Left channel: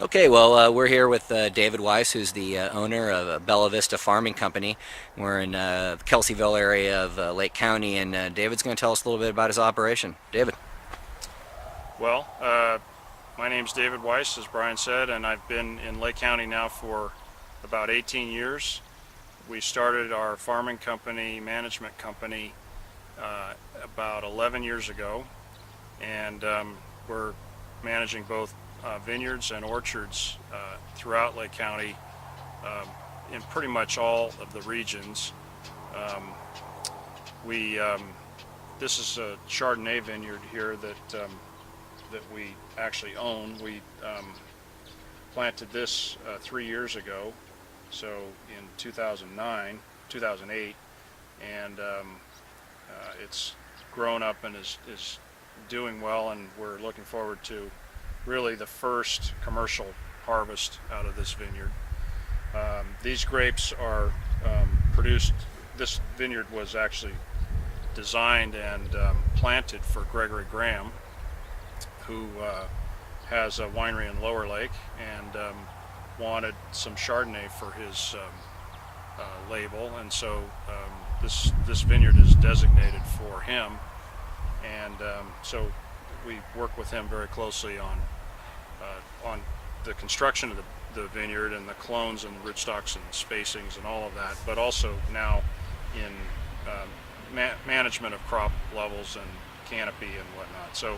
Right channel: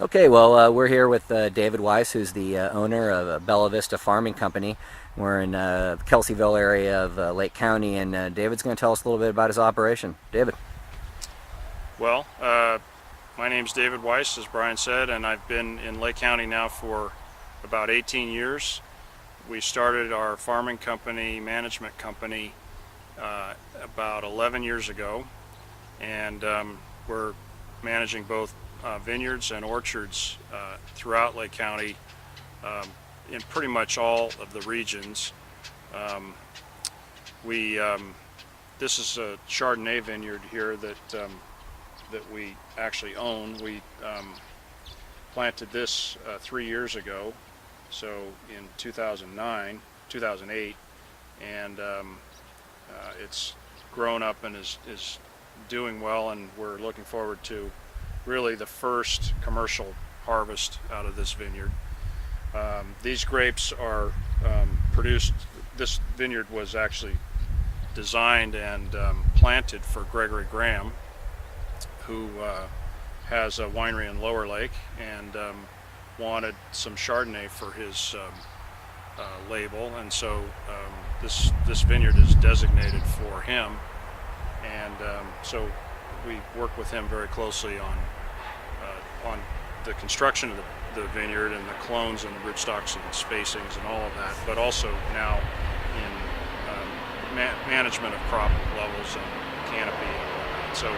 Okay, well, we're here with David Weiss, who's the owner of Bella Vista Farming Company. We're in the Kelseyville area of Lake County, and David's going to tell us a little bit about his operation. David. Well, my name's David Weiss, as Brian said, and I've been in Lake County now for about 18 years. We started our farming company, management company, about 11 years ago, and we're managing both vineyards and orchards throughout Lake County in pretty much all of the regions. Um, we This is a Chardonnay vineyard here that we actually own. We planted this 3 years ago, so in 2008, and it's grown up and is doing well, and we're looking forward to really the first commercial harvest out of this vineyard. These grapes are produced. This vineyard was actually designed and planted for Gregory Graham, who has a winery in Lower Lake and wanted some Chardonnay for his label, and so this vineyard is designated for him, and so we work with him very closely on the construction of the vineyard and the clones and the rootstocks and spacings and all of that, but also now in management of crop levels and canopy and whatnot. So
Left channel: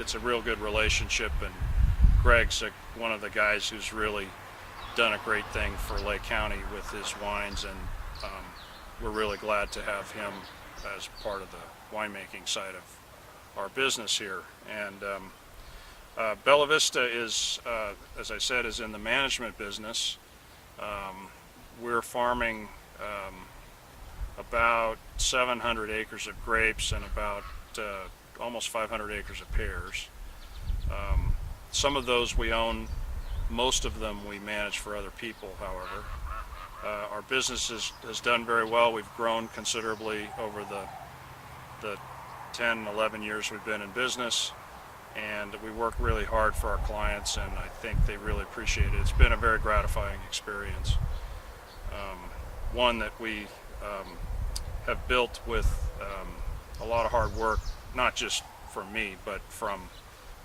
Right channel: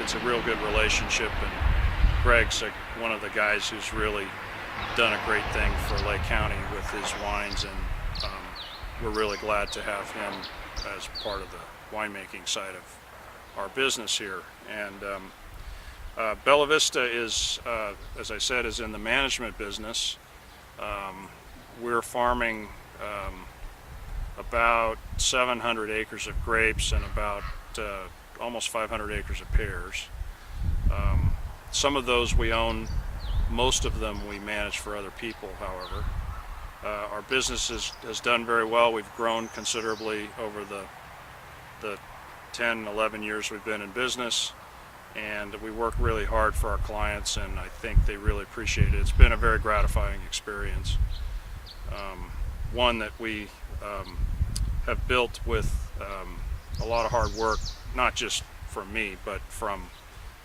it's a real good relationship, and Greg's one of the guys who's really done a great thing for Lake County with his wines, and we're really glad to have him as part of the winemaking side of our business here. And Bella Vista is, as I said, is in the management business. We're farming about 700 acres of grapes and about almost 500 acres of pears. Some of those we own, most of them we manage for other people, however. Our business has done very well. We've grown considerably over the 10, 11 years we've been in business, and we work really hard for our clients, and I think they really appreciate it. It's been a very gratifying experience. One that we have built with a lot of hard work, not just from me, but from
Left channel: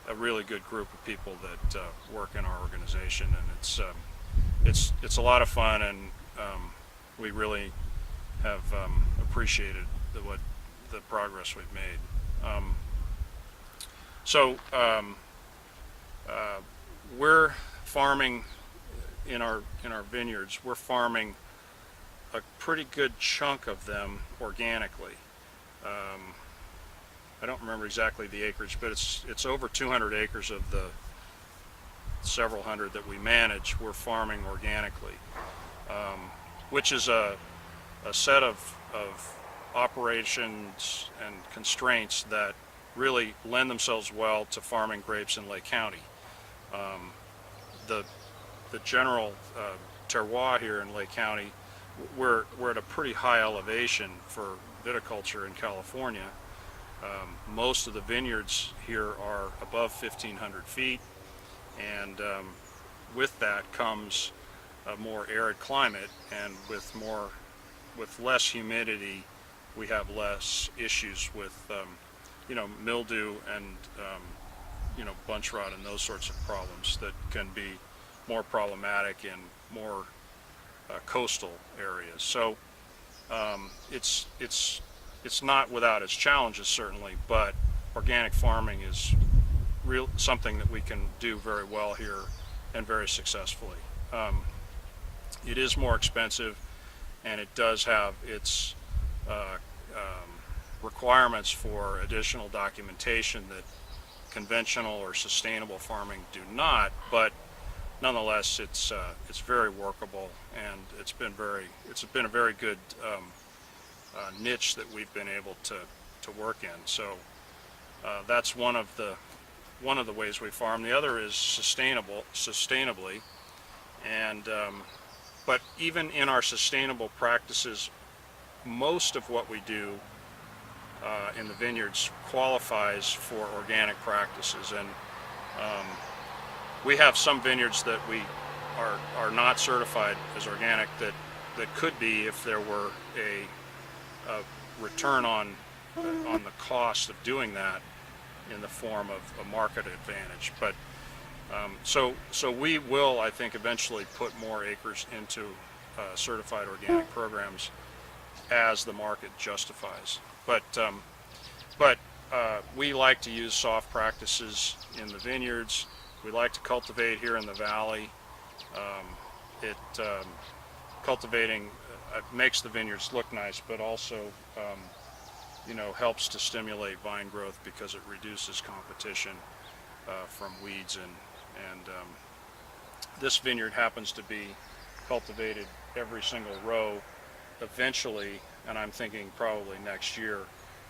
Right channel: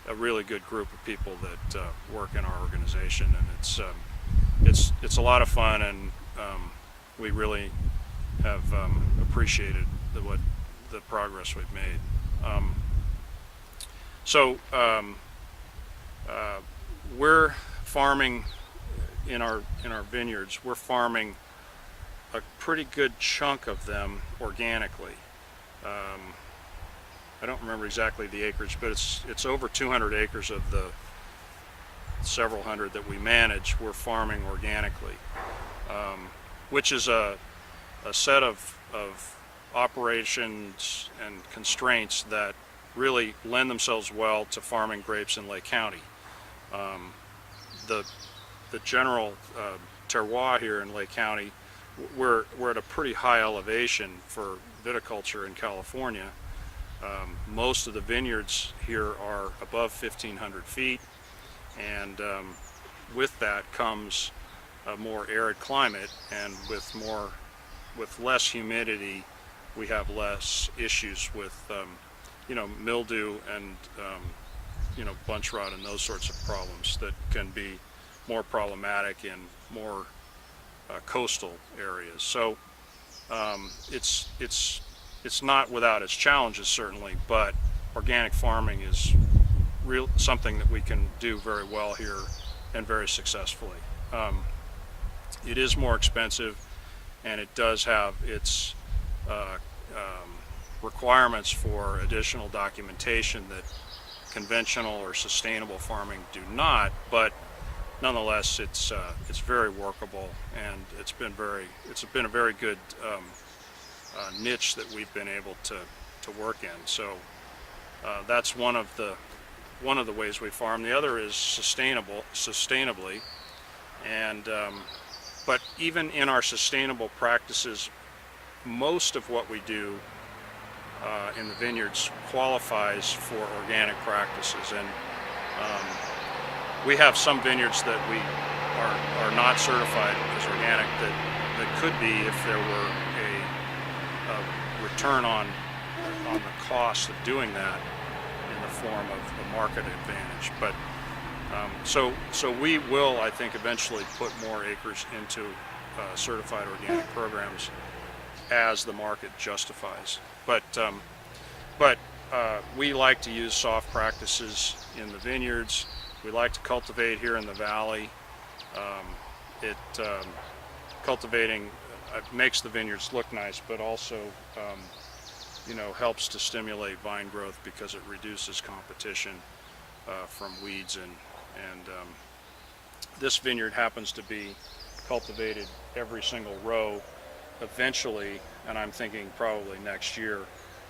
a really good group of people that work in our organization, and it's a lot of fun, and we really have appreciated the progress we've made. We're farming in our vineyards. We're farming a pretty good chunk of them organically. I don't remember exactly the acreage, but it's over 200 acres of the several hundred that we manage. We're farming organically, which is a set of operations and constraints that really lend themselves well to farming grapes in Lake County. The general terroir here in Lake County, we're at a pretty high elevation for viticulture in California. Most of the vineyards here are above 1,500 feet, and with that comes a more arid climate, and with less humidity, we have less issues with mildew and bunch rot and those sorts of problems that can be more problematic in more coastal areas. So it's not without its challenges, certainly, but organic farming is something that we can do very well here and very successfully. It is more expensive, and it does have its requirements for additional documentation that conventional or sustainable farming do not, but nonetheless it's very workable, and it's been a very good niche that we've been able to work in. So that's one of the ways we farm. The other is sustainably, and but even in our sustainable practices, most of what we do in the vineyards qualifies for organic practices, and we have some vineyards that we are not certified as organic that could be if there were a return on the cost of doing that in the form of a market advantage. But so we will, I think, eventually put more acres into certified organic programs as the market justifies. But we like to use soft practices in the vineyards. We like to cultivate here in the valley. Cultivating makes the vineyards look nice, but also helps to stimulate vine growth because it reduces competition from weeds, and this vineyard happens to be cultivated every single row. Eventually, and I'm thinking probably next year,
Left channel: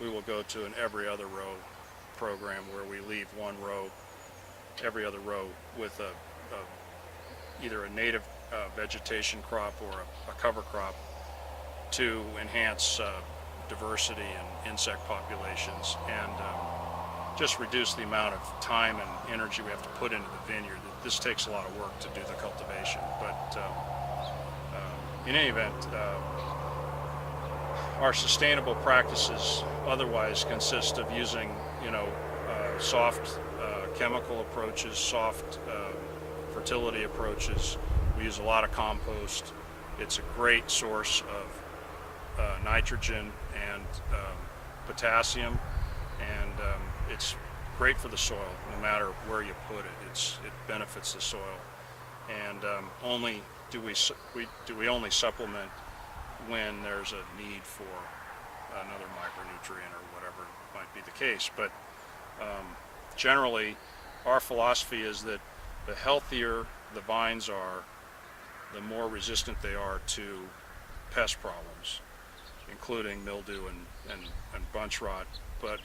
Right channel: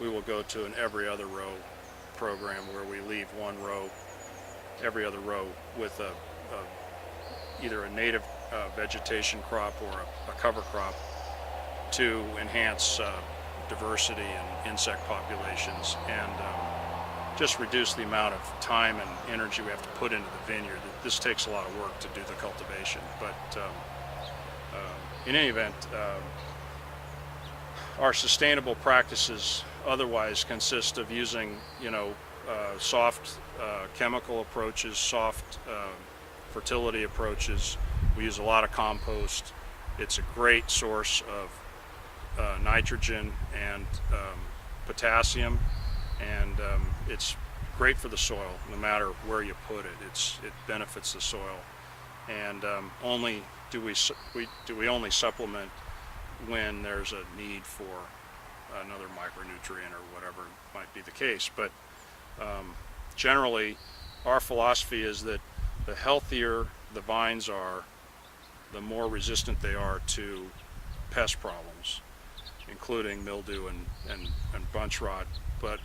we will go to an every other row program where we leave one row, every other row, with either a native vegetation crop or a cover crop to enhance diversity and insect populations, and just reduce the amount of time and energy we have to put into the vineyard. This takes a lot of work to do the cultivation, but in any event, our sustainable practices otherwise consist of using, soft chemical approaches, soft fertility approaches. We use a lot of compost. It's a great source of nitrogen and potassium, and it's great for the soil. No matter where you put it, it benefits the soil. And only do we only supplement when there's a need for another micronutrient or whatever might be the case. But generally, our philosophy is that the healthier the vines are, the more resistant they are to pest problems, including mildew and bunch rot, but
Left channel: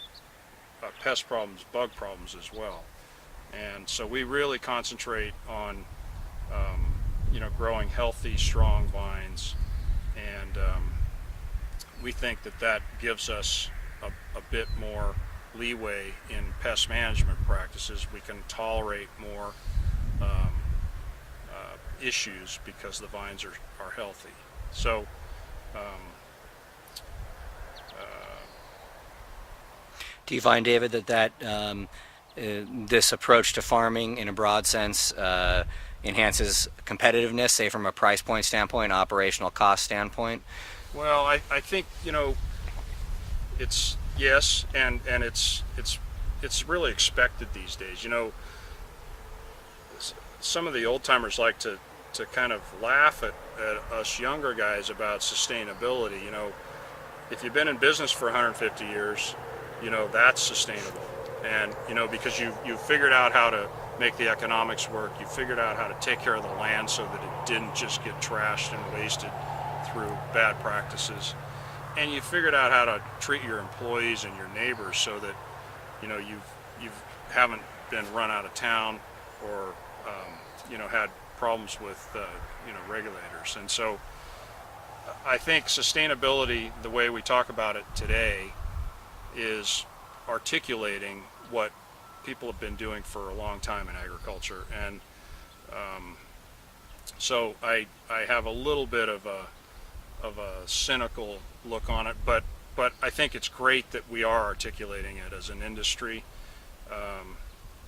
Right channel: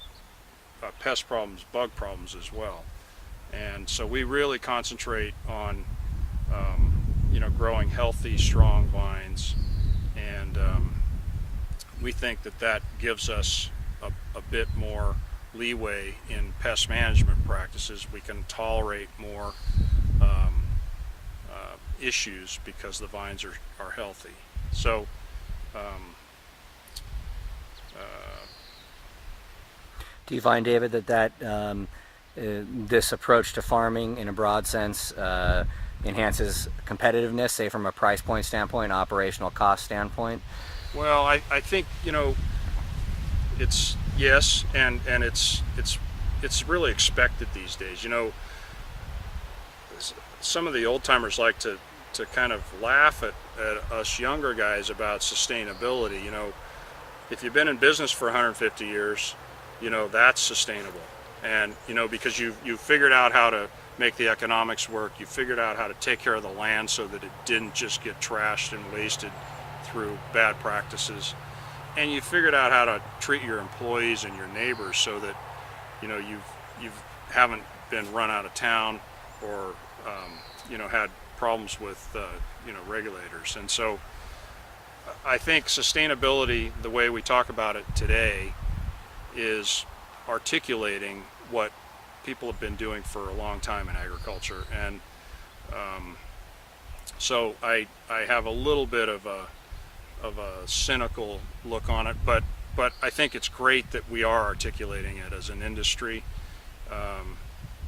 pest problems, bug problems as well. And so we really concentrate on growing healthy, strong vines, and we think that gives us a bit more leeway in pest management practices. We can tolerate more issues because the vines are healthy. So do you find, David, that this approach to farming in a broad sense enhances competitiveness, say from a price point standpoint, operational cost standpoint? Well, I think it's yes, and it's really expected these days. Some of the old timers like to kind of laugh at us younger guys about sustainability. If you've been in business for 150 years, that's sustainable, and because you figured out how to make the economics work. You figured out how to take care of the land so that it didn't just get trashed and wasted through bad practices, and you figured out how to treat your employees and your neighbors so that you haven't been run out of town or had problems with regulators. And so I think sustainability, the way we talk about it today, is articulating what people have been doing for a long time in agriculture. And so I have a little bit of a cynical look on it, but I think it's great that we are articulating it as an industry.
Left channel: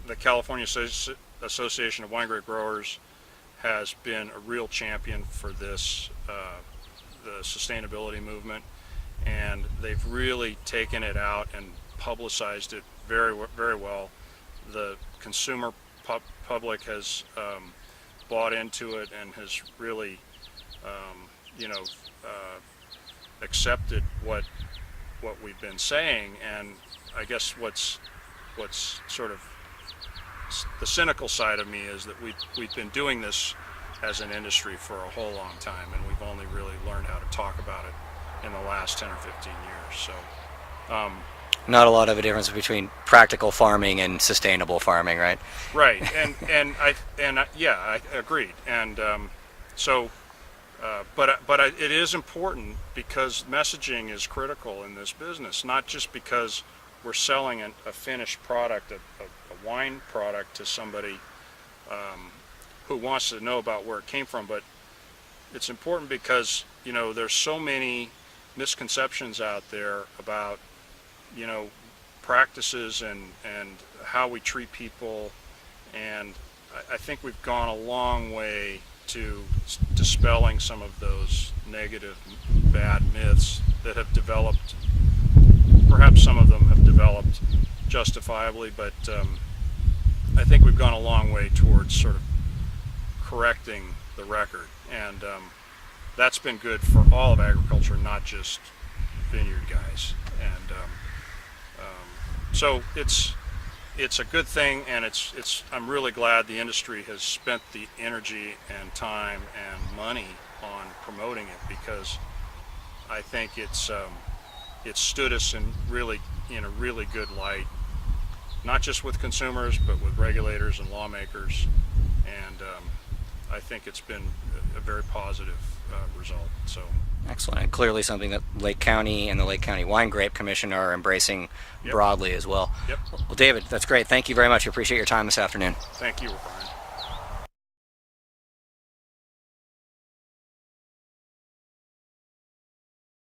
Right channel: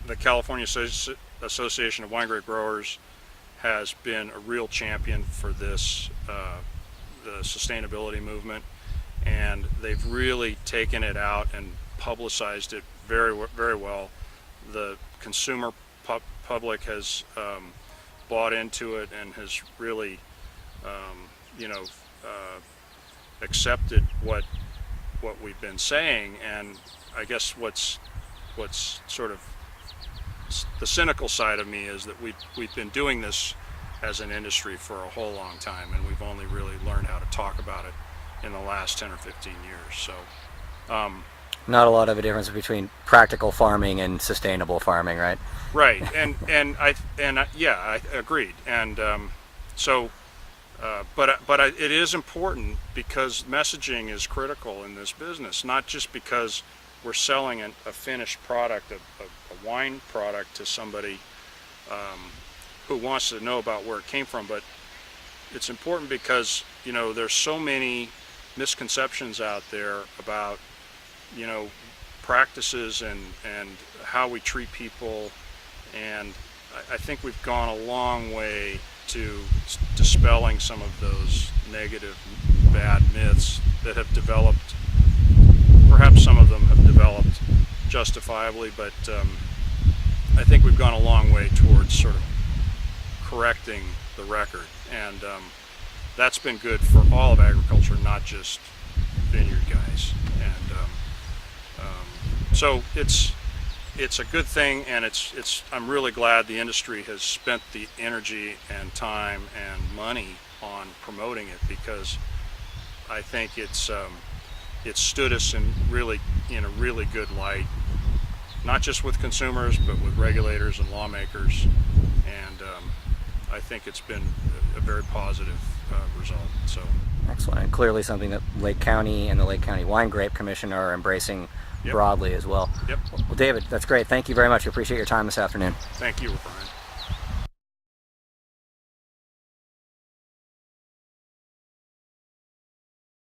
The California Association of Winegrape Growers has been a real champion for this, the sustainability movement, and they've really taken it out and publicized it very, very well. The consumer public has bought into it and has really, accepted what we've been saying. And I guess what's sort of the cynical side of me is that we've been doing this as an industry for a whole long time, and we've only really learned how to talk about it in the last 10 or 15 years. So not a lot of a difference between practical farming and sustainable farming, right? Right, and I agreed. And but it is important because messaging is critical in this business, not just because we're selling a finished product, a wine product to somebody who wants to know about where it came from, but it's important because, you know, there's so many misconceptions out there about, you know, practices and how we treat people, and I think we've gone a long way to dispelling some of those negative, bad myths that have developed. Perhaps some of them have developed justifiably, but I think we've gone a long way towards sort of correcting the record, and that's been good for all of agriculture, not just vineyard guys. And so it's a good thing, and I'm really glad the industry has spent the energy and time and money on promoting it, because I think it's stood us in a really good light, not just with consumers but with regulators and lawmakers, and I think it's been a very positive result. So Excellent, and clearly something that Lake County and the Lake County Winegrape Commission are embracing Yep. broadly as well. Yep. Well, David, that's great. Thank you very much. I appreciate your time this afternoon. Thank you, Brian.